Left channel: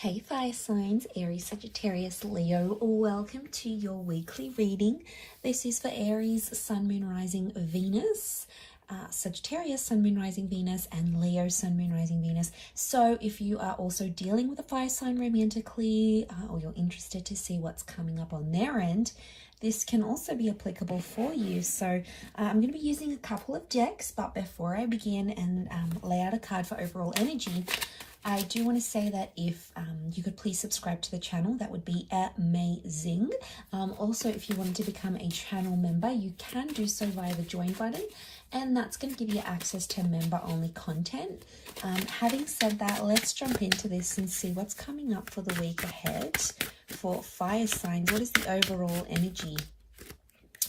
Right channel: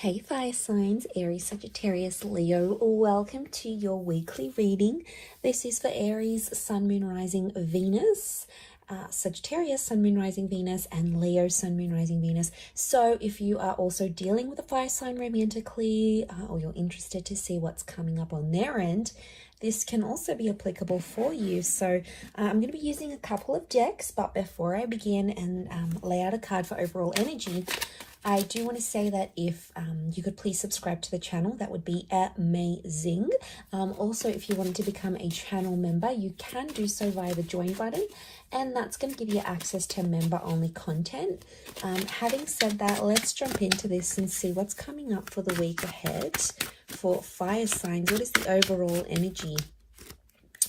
Hey fire signs, Aries, Sagittarius, Leo, welcome to your weekly reading. This is for Aries, Sun, Moon, Rising, Venus, Sagittarius, Sun, Moon, Rising, Venus, and Leo, Sun, Moon, Rising, Venus. So if you are also dealing with a fire sign romantically, or you're interested to see what's coming up on their end, this can also be applicable for you. So I'm going to be using a couple of decks, but before I begin and lay out a card for overall energy, I do want to say that if you could please subscribe to the channel, that would be amazing. Also, if you wanted to become a channel member, you can do so via the join button, and that's going to give you access to member-only content. Having said that, let's jump into this and see what's coming up for the week ahead for fire signs. What is the overall energy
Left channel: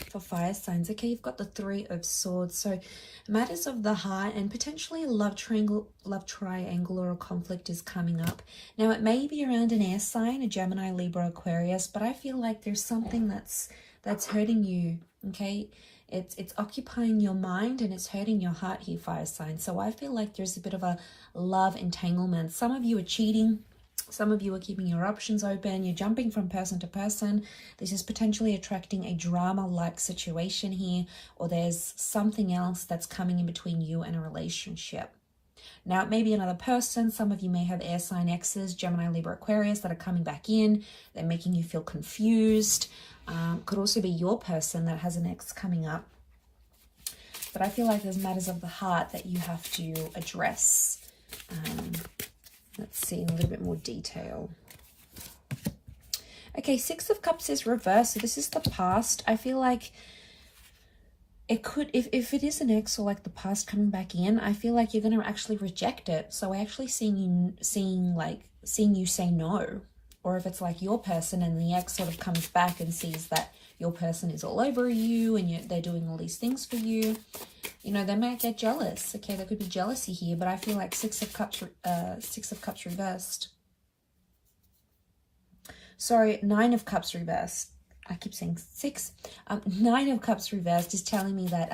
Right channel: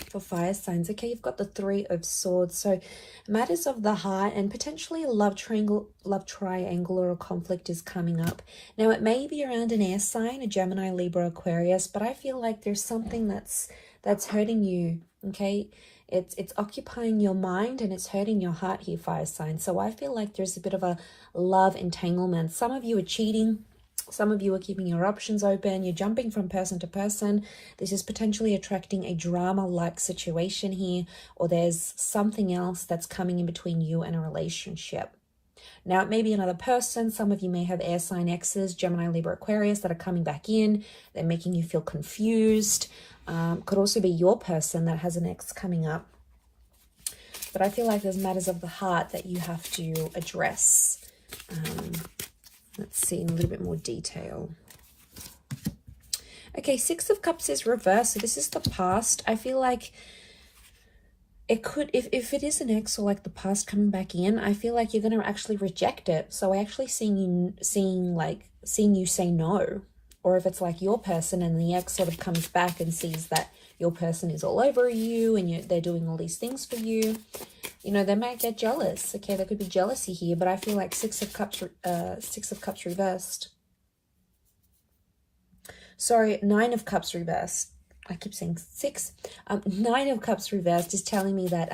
for fire signs? Okay, you've got the Three of Swords, so matters of the heart and potentially a love triangle or a conflict is coming up. Now it may be around an air sign, a Gemini, Libra, Aquarius, but I feel like there's something that's hurting you. Okay, it's occupying your mind and it's hurting your heart here, fire sign. So I feel like there's a bit of a love entanglement. Some of you are cheating. Some of you are keeping your options open. You're jumping from person to person. This is potentially attracting a drama-like situation here, or there's something else that's coming in between you and a relationship. Now, it may be another person. Some of you may have air sign exes, Gemini, Libra, Aquarius, that are coming back in. They're making you feel confused. Could also be your person that has an ex coming up. But I feel like there's matters of the heart that you have to address. Let's see in a little bit more detail. Okay, Six of Cups is reversed. So this is the past. I feel like it could, if it is an ex or like the past coming back in, I feel like you're going to actually reject it. So I actually seeing you say no. Or if it's like your person and the ex sort of comes back and sees that your person is all over you and they're doing all these things for you, you know, they might get jealous. Okay, there could be jealousy here, but I feel like Six of Cups reversed. Sorry, Nine of Cups reversed. I keep saying six. Nine of Cups reversed is telling me that,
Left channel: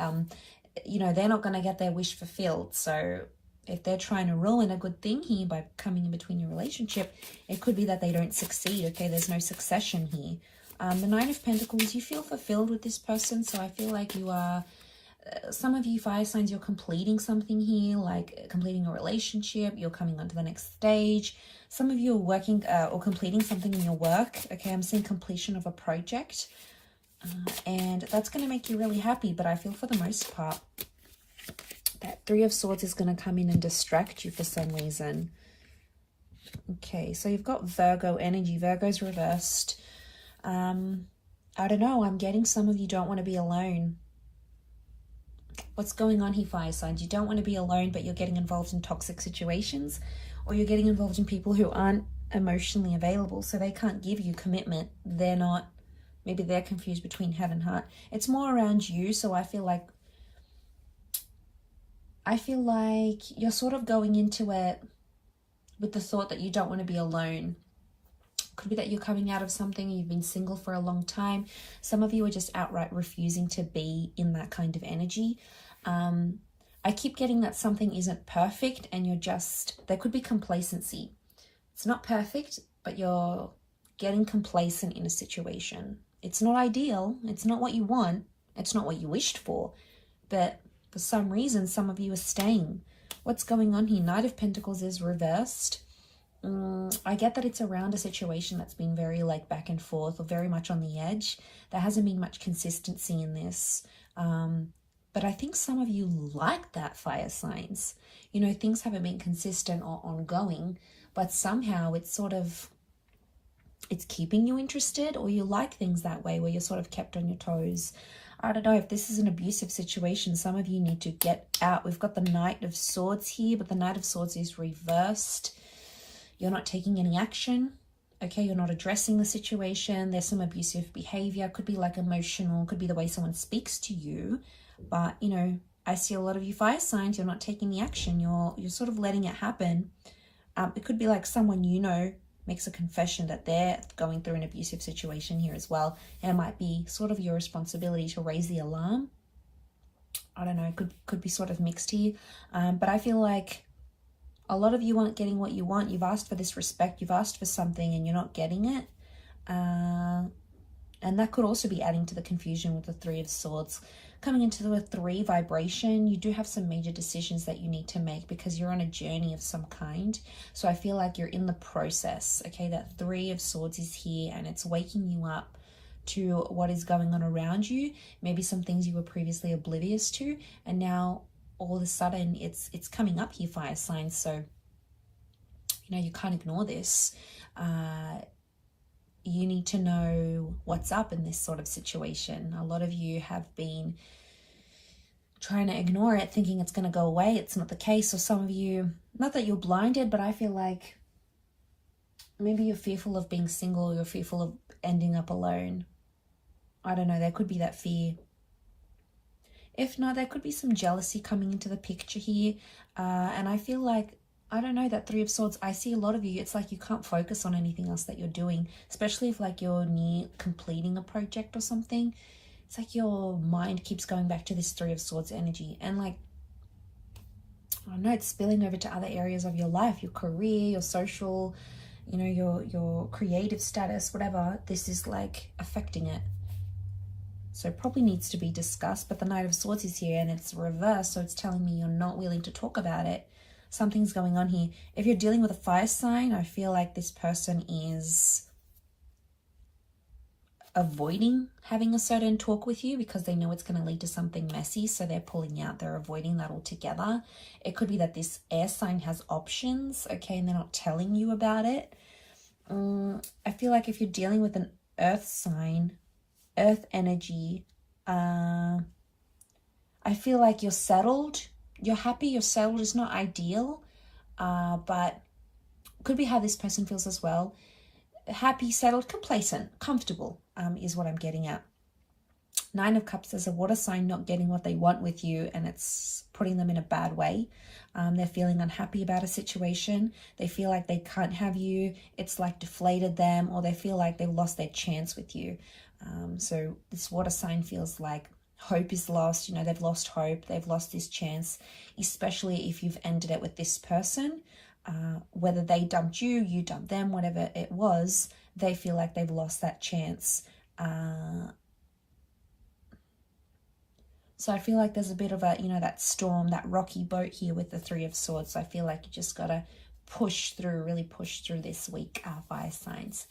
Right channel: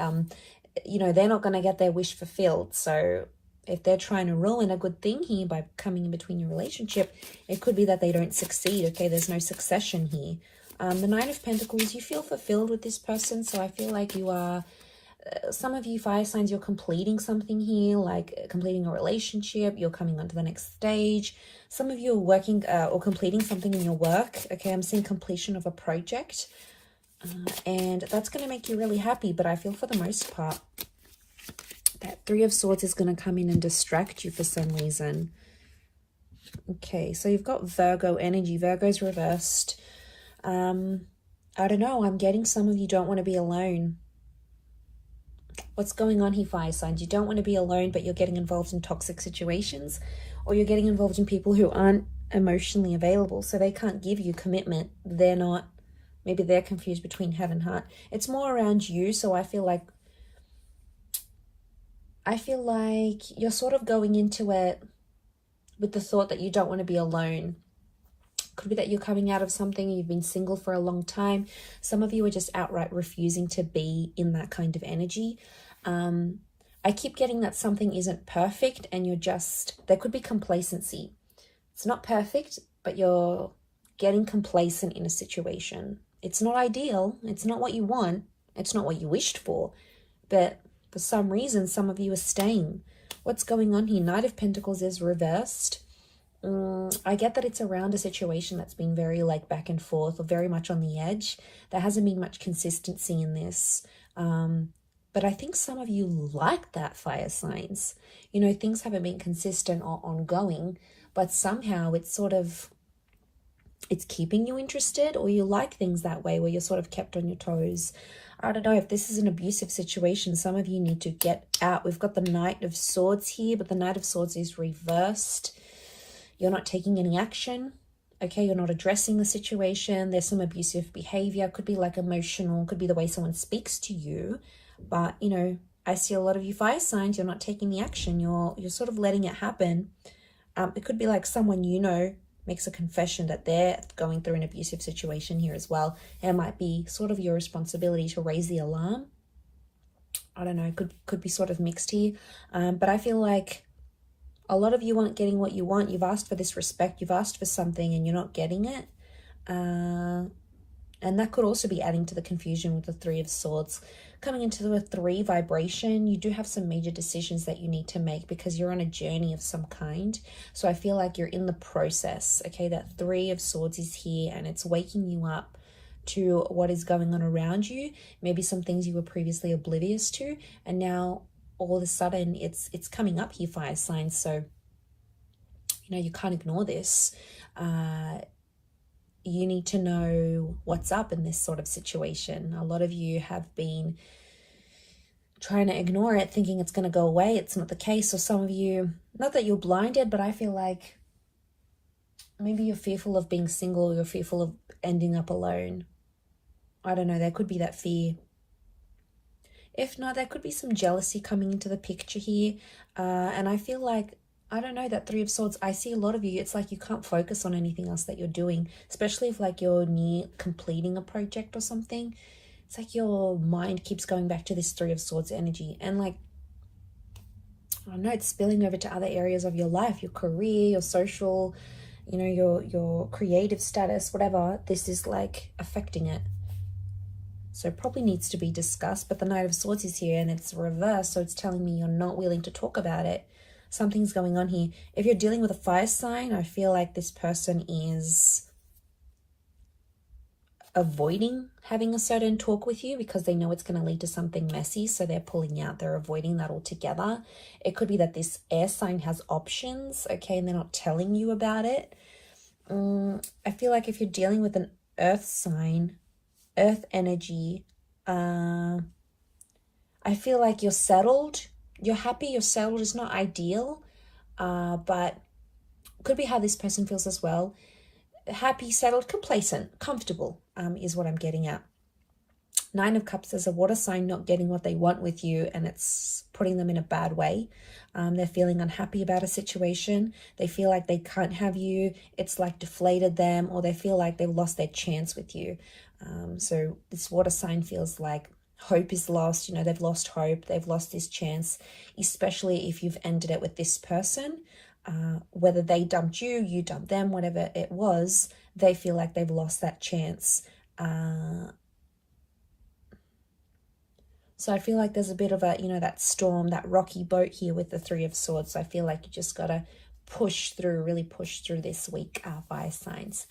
you know, they're not going to get their wish fulfilled. So if they're trying to ruin a good thing here by coming in between your relationship, it could be that they don't succeed. Okay, there's no succession here. The Nine of Pentacles, you feel fulfilled with this person. So I feel like you are, some of you fire signs, you're completing something here, like completing a relationship. You're coming on to the next stage. Some of you are working or completing something in your work. Okay, I'm seeing completion of a project. And that's going to make you really happy. But I feel for the most part, that Three of Swords is going to come in and distract you for some reason. Okay, so you've got Virgo energy. Virgo's reversed. I don't know. I'm getting some of you don't want to be alone. What's going on here, fire signs? You don't want to be alone, but you're getting involved in toxic situations, or you're getting involved in people who aren't emotionally available, so they can't give you commitment. They're not, maybe they're confused between head and heart. It's more around you, so I feel like you're sort of going into it with the thought that you don't want to be alone. Could be that you're coming out of something, you've been single for a long time. Some of you are just outright refusing to be in that kind of energy. I keep getting that something isn't perfect and you're just, there could be complacency. It's not perfect, but you're getting complacent in a situation. It's not ideal. It's not what you want. It's not what you wished for. But for some reason, some of you are staying. What's going on here? Knight of Pentacles is reversed. I get that it's around a situation that's been very like back and forth or very much on the edge. There hasn't been much consistency in this. But I think some of you like that, fire signs. You know, things haven't been consistent or ongoing, but somehow it's sort of, it's keeping you interested, or you like things that way where you're sort of kept on your toes. I don't know if this is an abusive situation. Some of you need to get out. We've got the Knight of Swords here, but the Knight of Swords is reversed. You're not taking any action. Okay, you're not addressing the situation. There's some abusive behavior. Could be like emotional. Could be the way someone speaks to you. But, you know, I see a lot of you fire signs. You're not taking the action. You're sort of letting it happen. It could be like someone you know makes a confession that they're going through an abusive situation here as well. And it might be sort of your responsibility to raise the alarm. I don't know. Could be sort of mixed here. But I feel like A lot of you aren't getting what you want. You've asked for this respect. You've asked for something and you're not getting it. And that could also be adding to the confusion with the Three of Swords. Coming into the 3 vibration, you do have some major decisions that you need to make because you're on a journey of some kind. So I feel like you're in the process, okay? That 3 of Swords is here and it's waking you up to what is going on around you. Maybe some things you were previously oblivious to, and now all of a sudden it's coming up here, fire signs. So, you know, you can't ignore this. You need to know what's up in this sort of situation. A lot of you have been trying to ignore it, thinking it's going to go away. It's not the case. Or some of you, not that you're blinded, but I feel like maybe you're fearful of being single. You're fearful of ending up alone. I don't know. There could be that fear. If not, there could be some jealousy coming into the picture here. And I feel like, I don't know, that 3 of Swords, I see a lot of you, it's like you can't focus on anything else that you're doing, especially if like you're near completing a project or something. It's like your mind keeps going back to this 3 of Swords energy. And like, I don't know, it's spilling over to other areas of your life, your career, your social, you know, your creative status, whatever. This is like affecting it. So it probably needs to be discussed. But the Knight of Swords is here and it's reversed. So it's telling me you're not willing to talk about it. Something's going on here. If you're dealing with a fire sign, I feel like this person is avoiding having a certain talk with you because they know it's going to lead to something messy. So they're pulling out. They're avoiding that altogether. It could be that this air sign has options, okay, and they're not telling you about it. I feel like if you're dealing with an earth sign, earth energy, I feel like you're settled. You're happy, you're settled. It's not ideal, but could be how this person feels as well. Happy, settled, complacent, comfortable is what I'm getting at. 9 of Cups is a water sign not getting what they want with you, and it's putting them in a bad way. They're feeling unhappy about a situation. They feel like they can't have you. It's like deflated them, or they feel like they've lost their chance with you. So this water sign feels like hope is lost. You know, they've lost hope. They've lost this chance, especially if you've ended it with this person. Whether they dumped you, you dumped them, whatever it was, they feel like they've lost that chance. So I feel like there's a bit of a, you know, that storm, that rocky boat here with the 3 of Swords. So I feel like you just got to push through, really push through this week, fire signs.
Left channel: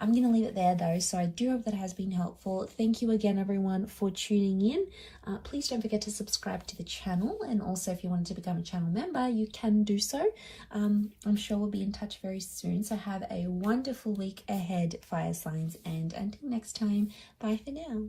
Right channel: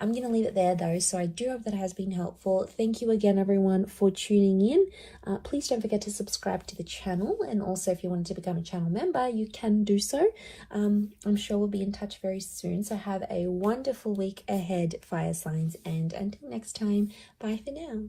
I'm going to leave it there though, so I do hope that has been helpful. Thank you again, everyone, for tuning in. Please don't forget to subscribe to the channel, and also if you wanted to become a channel member, you can do so. I'm sure we'll be in touch very soon, so have a wonderful week ahead, fire signs, and until next time, bye for now.